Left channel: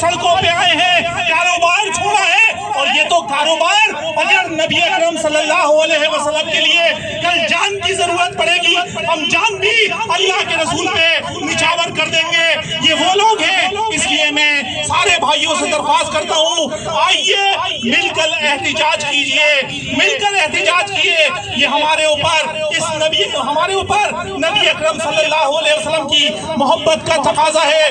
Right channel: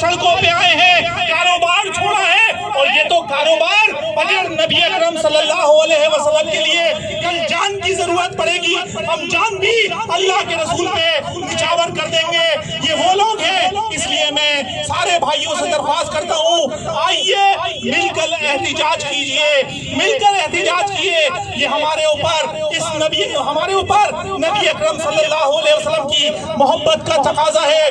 سڑکوں پہ آئے ہیں، کاروبار چھوڑا ہے، اور یہ تو کاروبار اگر نبی اکرم صلی اللہ علیہ وسلم کے لیے کل جان کی ضرورت پڑے گی، ہم جان بھی اللہ کے رسول پہ نچھاور کر دیں گے۔ یہ وہ لوگ ہیں، اس لیے میں سارے بھائیوں سے درخواست کرتا ہوں، آئیے مل کر احتجاج کیجئے، مل کر احتجاج کیے۔ یہ ہمارے اوپر نبی اکرم صلی اللہ علیہ وسلم کی محبت کا تقاضا ہے۔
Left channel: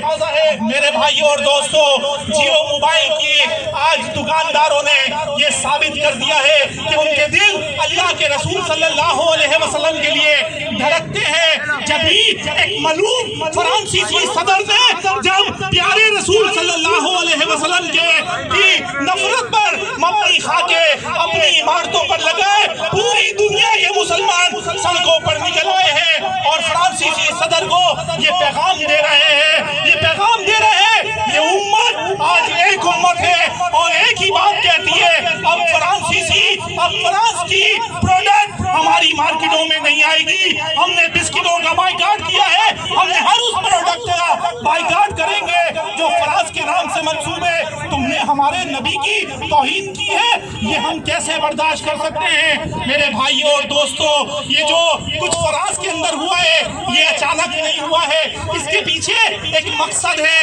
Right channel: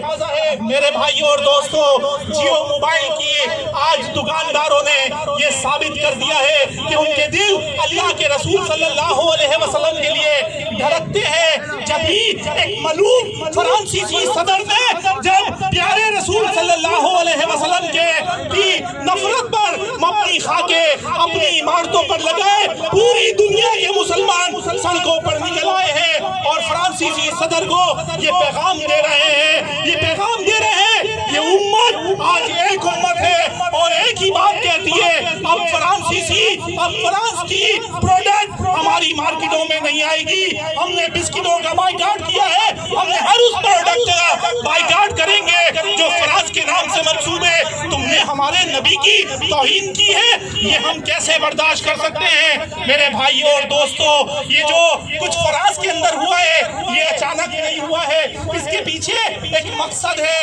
میرے بھائیوں اور دوستو، جیو موبائل کی آج دکانداروں نے یہ ثابت کر دیا ہے کہ ان کے دل اللہ کے رسول صلی اللہ علیہ وسلم کے لیے دھڑکتے ہیں۔ جب ہی ایک ملعون فرانسیسی صدر نے جب پیارے رسول صلی اللہ علیہ وسلم کی نفرت پر مبنی خاکے اپنی عمارتوں پر لگائے، پوری دنیا کے مسلمان سڑکوں پر نکل آئے ہیں اور فرانسیسی صدر کو یہ پیغام دے رہے ہیں، یہ پیغام دے رہے ہیں، یہ امت آج ایک امت ہے اور ایک ہی بات کہتی ہے، اب فرانس کی پروڈکٹ ہماری مارکیٹوں میں نہیں آئے گی۔ ہم نے بسکٹوں کا بائیکاٹ کیا ہے، ہم نے ہر اس پروڈکٹ کا بائیکاٹ کریں گے جو فرانس کے نام سے منسوب ہے۔ تم نے ہمارے نبی کی توہین کی ہے، یہ ہم کیسے برداشت کر سکتے ہیں؟ میرے بھائیوں اور دوستو، یہ جو کچھ فرانس کے اندر ہوا ہے یہ اچانک نہیں ہوا ہے، اس کے پیچھے ایک مقصد ہے۔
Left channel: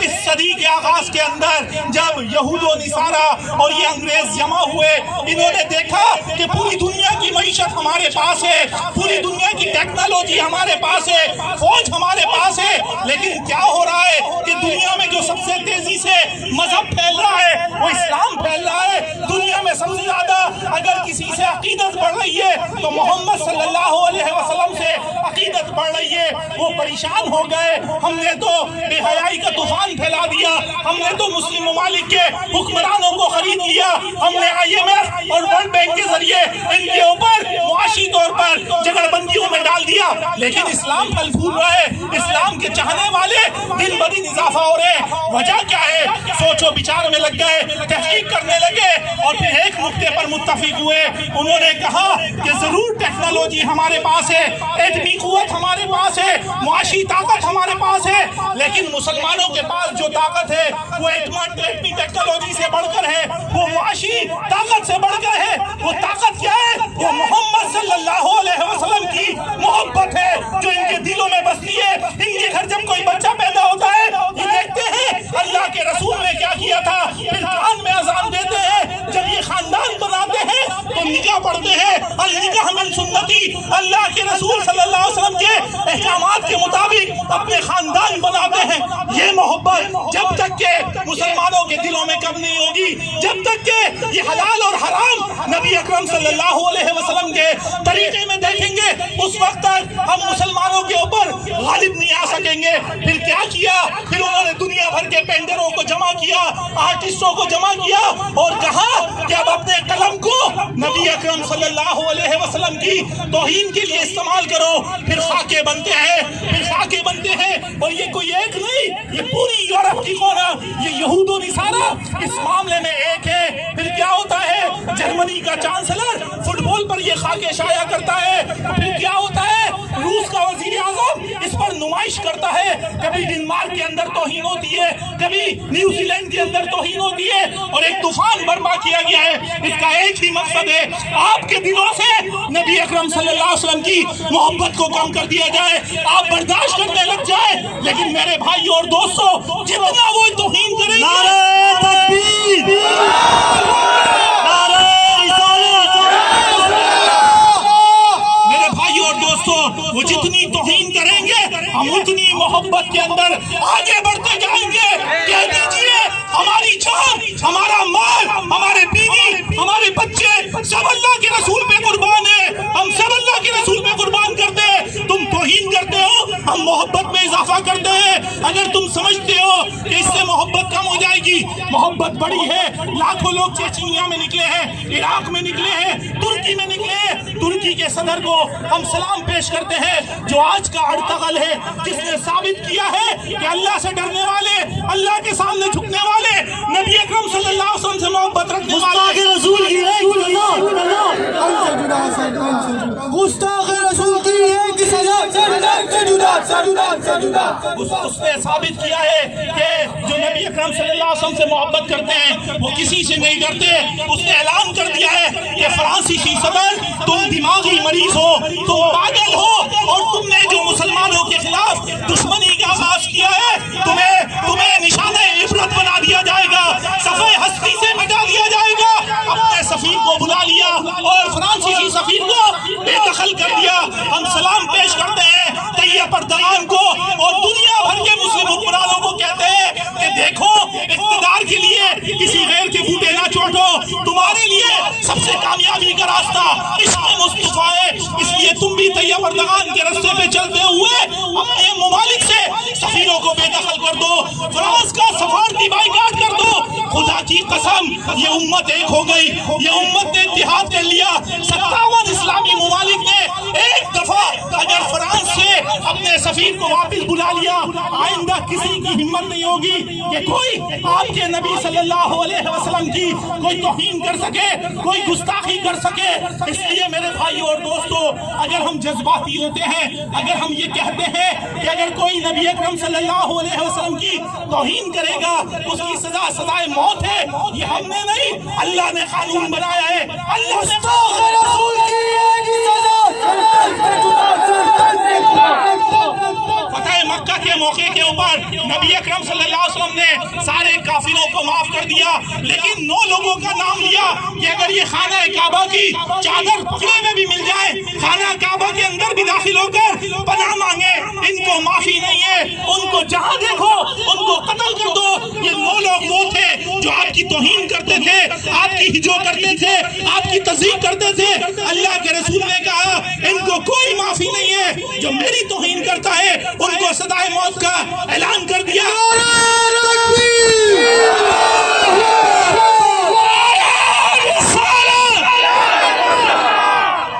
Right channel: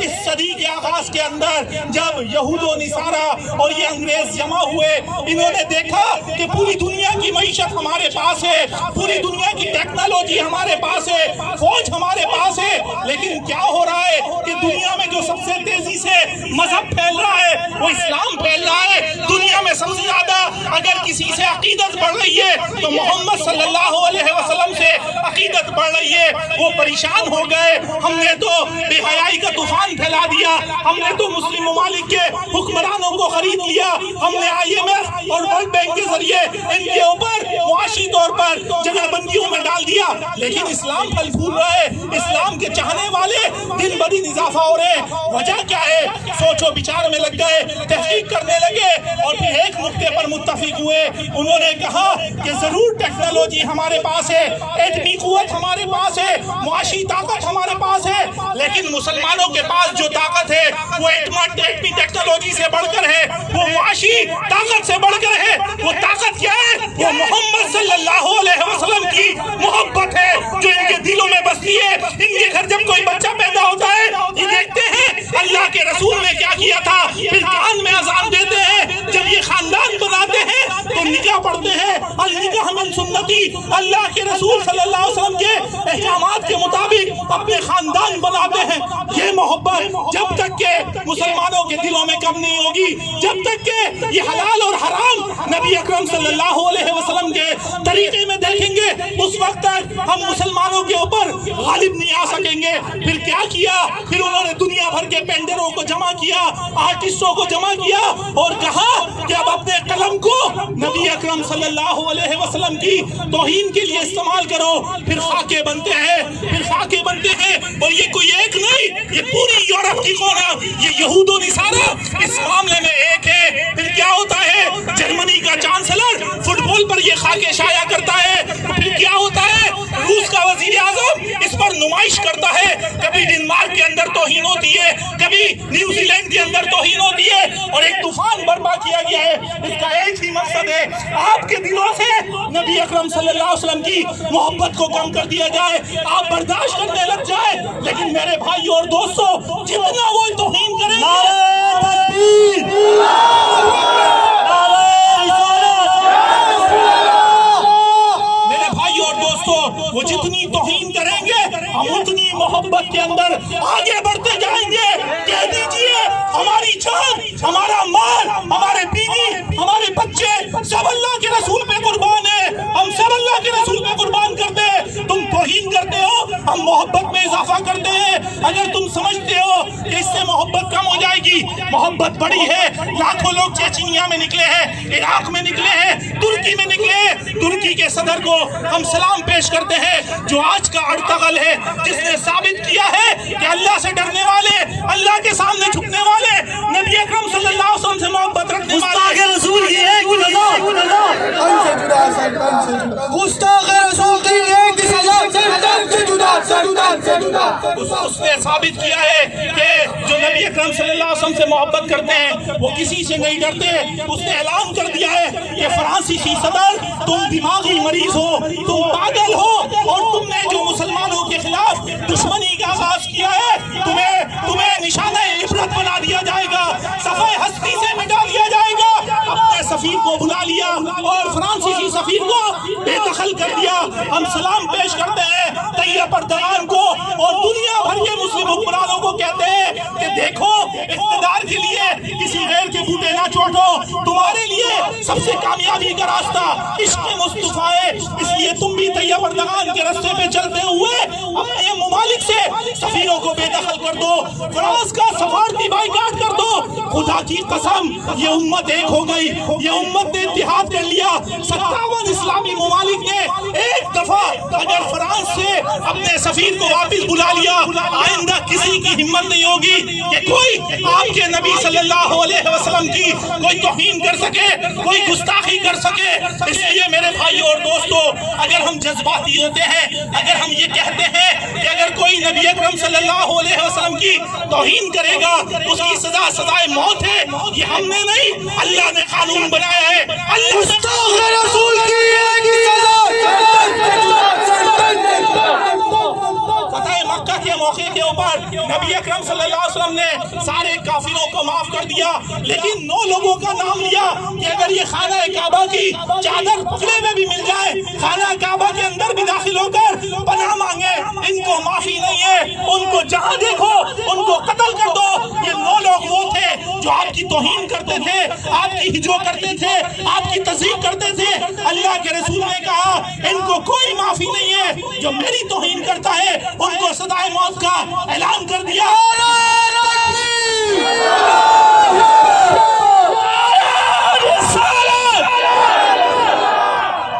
اس صدی کے آغاز کے اندر جب یہود و نصارہ اور یہ انگریز جمع ہوئے، انہوں نے دیکھا کہ پوری دنیا کی معیشت ہمارے پاس ہے، پوری دنیا کی ٹیکنالوجی ہمارے پاس ہے، فوج ہمارے پاس ہے، لیکن کیا ہو رہا ہے کہ دنیا میں جو سب سے تیزی سے مذہب پھیل رہا ہے وہ اسلام پھیل رہا ہے۔ دنیا میں سب سے زیادہ اگر کسی سے عقیدت بڑھ رہی ہے تو محمد صلی اللہ علیہ وسلم سے عقیدت بڑھ رہی ہے۔ وہ پریشان ہو گئے، ہم نے تو بے حیائی کا طوفان پھیلا دیا، ہم نے تو مسلم ممالک کے حکمرانوں کو خرید لیا، ہم نے IMF اور ورلڈ بینک کے ذریعے ان کے اوپر معاشی طور پر جگہ بندیوں میں ڈال دیا، لیکن اسلام پھل پھول رہا ہے، اسلام کے چاہنے والے دن بدن اضافہ ہو رہے ہیں۔ وجہ کیا ہے؟ سوچ و بچار میں لگ گئے، تحقیق کرنے لگے اور پھر ایک نقطے پر متفق ہوئے۔ انہوں نے کہا کہ ضرور ٹیکنالوجی ہمارے پاس ہے، ایٹمی قوت ہمارے پاس ہے، معاشی طاقت ہمارے پاس ہے، لیکن مسلمانوں کے پاس جو طاقت ہے وہ ایٹمی ٹیکنالوجی سے بڑھ کر ہے، وہ معاشی طاقت سے بڑھ کر ہے۔ وہ طاقت کیا ہے؟ وہ محمد صلی اللہ علیہ وسلم کی محبت ہے جو ان کے دلوں میں بستی ہے۔ ان کے گھر جب کوئی بچہ پیدا ہوتا ہے یہ دیکھتے ہیں اللہ کے رسول نے کیا کیا تھا، پھر کان میں اذان دیتے ہیں۔ جب یہ خاندان بناتے ہیں تو نکاح پڑھتے ہیں، اور نکاح من سنتی، اللہ کے رسول صلی اللہ علیہ وسلم کے احکامات کے مطابق اپنے خاندان بناتے ہیں۔ یہ محبت جب تک کہ مسلمانوں کے دلوں میں کم نہیں ہوگی، جب تک کہ یہ حلال اور حرام نبی اکرم صلی اللہ علیہ وسلم کے طریقے میں دیکھیں گے، اس وقت تک ہم مسلمانوں کے اوپر غالب نہیں آ سکیں گے۔ پھر کیا کیا؟ پھر انہوں نے دنیا بھر کے پینٹروں کو جمع کیا، آرٹسٹوں کو جمع کیا اور کہا کہ اب اپنے قلم کو نبی اکرم صلی اللہ علیہ وسلم کی توہین کے لیے استعمال کرو۔ پھر خاکے بنتے ہیں اور یہ کوئی ایک نہیں، یہ پوری یورپ کی قوم، یہ یہود و نصارہ اس معاملے میں ایک ہے۔ پھر کیا ہوتا ہے؟ جرمنی کا چانسلر فٹ بال پر یہ خاکے شائع کرتا ہے۔ پھر کیا ہوتا ہے؟ روس کا وزیر اعظم اس پر نمائش کرتا ہے۔ کبھی ڈنمارک کے اندر توہین ہوتی ہے، کبھی نیوزی لینڈ کے اندر توہین ہوتی ہے اور ایک طوفان برپا کیا گیا ہے۔ اس کا ایک ہی مقصد ہے، آپ کے دلوں سے نبی اکرم صلی اللہ علیہ وسلم کی محبت کو کم کر دیا جائے، آپ برداشت کرنے لگ جائے۔ لیکن میرے بھائیوں اور دوستوں، جتنا وہ توہین کریں گے، نعرہ تکبیر، نعرہ رسالت، میرے بھائیوں اور دوستوں، وہ جتنی توہین کریں گے ہم اتنی محبت کے اندر آگے بڑھتے جائیں گے۔ کہہ دیجئے ہماری جان، ہمارا مال، ہمارے بیوی، ہمارے بچے سب اللہ کے رسول پہ قربان ہیں، ہم سب اللہ کے رسول پہ قربان کرتے ہیں۔ تم توہین کرتے ہو، ہم محبت میں اضافہ کرتے ہیں۔ اگر تم سمجھتے ہو کہ اس سے محبت کم ہو جائے گی، محبت بڑی ہے۔ لاکھوں لوگ چیچینیا میں نکلے ہیں، عراق میں نکلے ہیں، ترکی میں نکلے ہیں۔ ترکی کے صدر کو ہم سلام پیش کرتے ہیں جو آج کا ارطغرل ہے، جس نے ثابت کیا ہے کہ اللہ سے ڈرنے والے، اللہ کے سامنے جھکنے والے، نبی اکرم صلی اللہ علیہ وسلم سے محبت رکھنے والے کے رسول کی ایک سزا، گستاخ رسول کی ایک سزا، اس نے ثابت کیا ہے کہ جو اکرم صلی اللہ علیہ وسلم سے محبت کرتے ہیں وہ کسی سے نہیں کرتے. اس نے اعلان کر دیا ہے کہ فرانسیسی صدر تم دماغی مریض ہو, تم پاگل ہو, اور تم نے جو مسلمانوں کے خلاف دشمنی کا آغاز کیا ہے تمہیں نشانہ عبرت بنا دیا جائے گا, صفحہ ہستی سے مٹا دیا جائے گا. اپنے سفیر کو بلا لیا اور فرانسیسی سفیر کو بے دخل کر دیا. ہم سلام پیش کرتے ہیں طیب اردغان کو اور دنیا بھر کے مسلم حکمرانوں کو کہتے ہیں کہ دیکھو اقتدار کے لیے کسی غیر کے بوٹے نہ چوٹو, تمہارے لیے سب سے کامیابی کا راستہ عشق مصطفیٰ ہے. اس لیے تم بھی طیب اردغان کے راستے پہ چلتے ہوئے اپنے ممالک سے سفیروں کو بے دخل کر دو, فرانس کا سفارتی بائیکاٹ کر دو. خدا کی قسم یہ امت ایک ہو گئی, یہ امت نے اتحاد کر لیا. 57 اسلامی ممالک نے ایک دفعہ اگر فرانس سے اپنے سفیر کو واپس بلا لیا, آئندہ کسی کی ہمت نہیں ہوگی کہ کوئی آپ کے نبی صلی اللہ علیہ وسلم کی کوئی توہین کر سکے, کوئی گستاخی کر سکے. اس لیے میرے بھائیوں اور دوستوں, اگر ہم جذباتی ہوتے ہیں, اگر ہم یہ کہتے ہیں کہ اگر کوئی نبی اکرم صلی اللہ علیہ وسلم کی توہین کرے گا اس کی سزا سزائے موت ہے, یہ ہم نے نہیں, اللہ نے قانون بنایا ہے. گستاخ رسول کی ایک فتح مکہ کے موقع کے اوپر نبی اکرم صلی اللہ علیہ وسلم نے سارے کافروں کو معاف کر دیا, لیکن 9 لوگوں کا نام لیا کہ اگر یہ خانہ کعبہ کی چادر پکڑے میں بھی مل جائے, خانہ کعبہ کے اندر بھی داخل ہو کر پناہ مانگے, ان کو معافی نہیں ہے, ان کو جہاں دیکھو ان کو قتل کر دو. یہ 9 لوگ وہ تھے جو آپ کی توہین کرتے تھے, آپ کی ہجو کرتے تھے, آپ کی تذیق کرتے تھے. اللہ کے رسول نے کہا ان کو کوئی معافی نہیں ہے, جو میری توہین کرتا ہے ان کو سزائے موت کا اعلان کر دیا.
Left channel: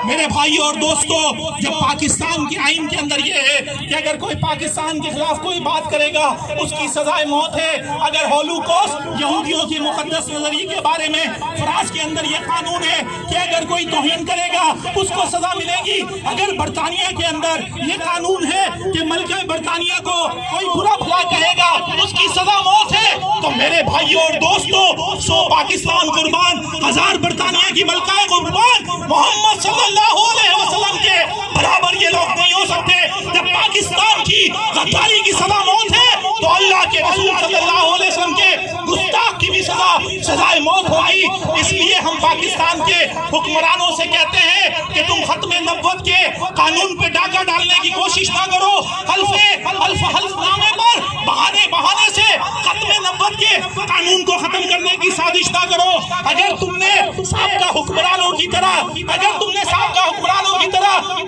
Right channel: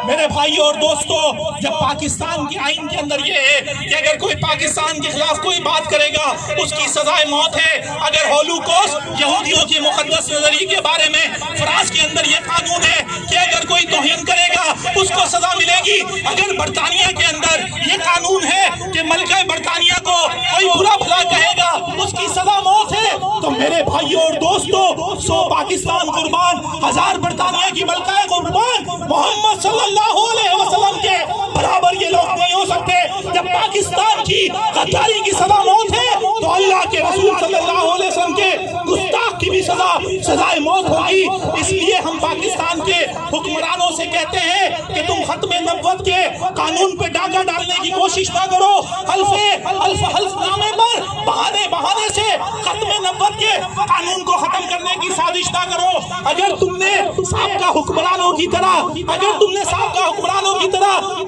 میرے بھائیوں اور دوستوں, جب پاکستان کے آئین کے اندر یہ ہے کہ اگر کوئی پاکستان کے خلاف کوئی بات کرے گا اس کی سزائے موت ہے. اگر ہولوکوسٹ یہودیوں کے مقدس نظریے کے بارے میں فرانس کے اندر یہ قانون ہے کہ اگر کوئی توہین کرے گا اس کو سزا ملے گی. اگر برطانیہ کے اندر یہ قانون ہے کہ ملکہ برطانیہ کو کوئی برا بھلا کہے گا اس کی سزا موت ہے, تو میرے بھائیوں اور دوستوں 100 پاکستان قربان, 1000 برطانیہ کی ملکہ قربان, محمد صلی اللہ علیہ وسلم کے برابر یہ لوگ نہیں ہو سکتے. جب پاکستان کی غداری کی سزا موت ہے تو اللہ کے رسول صلی اللہ علیہ وسلم کے گستاخ کی بھی سزائے موت ہوگی. اس لیے ہم پاکستان کے حکمرانوں سے کہتے ہیں کہ تم ختم نبوت کے قانون پہ ڈاکہ ڈالنے کی کوشش نہ کرو. حلف نامے پر بہانے سے ختم نبوت کے قانون کو ختم کرنے کی سازش نہ کرو. اگر تم نے سابقہ حکمرانوں کی طرح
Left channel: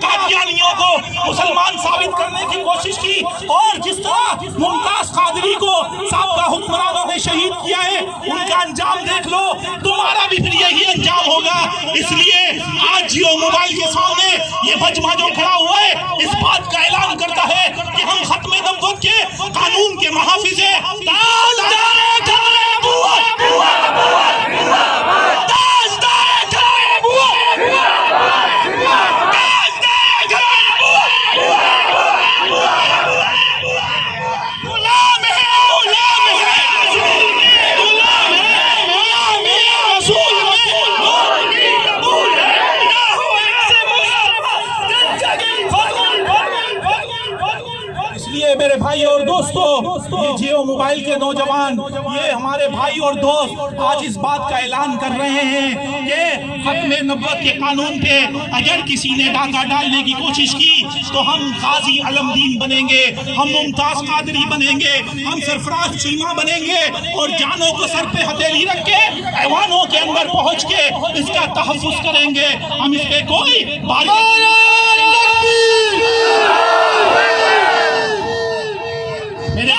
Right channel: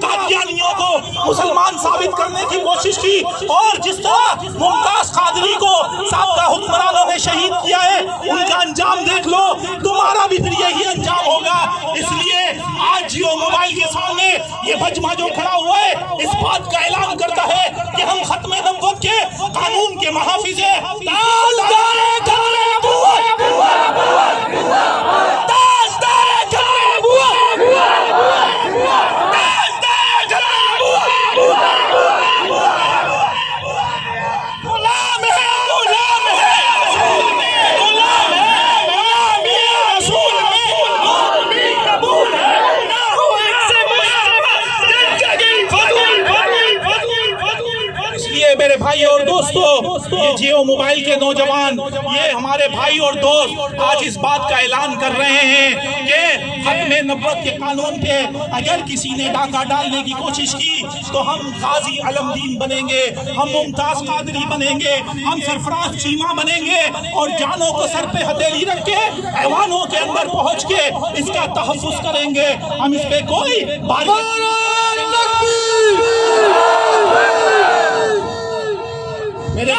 قادیانیوں کو مسلمان ثابت کرنے کی کوشش کی, اور جس طرح ممتاز قادری کو سابقہ حکمرانوں نے شہید کیا ہے, ان کا انجام دیکھ لو, تمہارا بھی پھر یہی انجام ہوگا. اس لیے آج جیو موبائل کے سامنے یہ مجمع جو کھڑا ہوا ہے اس بات کا اعلان کرتا ہے کہ ہم ختم نبوت کے قانون کے محافظ ہیں. میرے بھائی اور دوستو, یہ جیو موبائل کے نوجوان, یہ ہمارے بھائی اور دوست آج اس بات کا اعلان کر رہے ہیں کہ ختم نبوت کے قانون پہ اگر کسی نے ڈاکہ ڈالنے کی کوشش کی تو ہم غازی علمدین بنیں گے, ہم ممتاز قادری بنیں گے, ہم سرفراز چیمہ بنیں گے, اور جانوں کو سر پہ ہتھیلی رکھ کے ایوانوں کے اندر پہنچ کے اس کا تحفظ کریں گے. ہم اس پہ کوئی میرے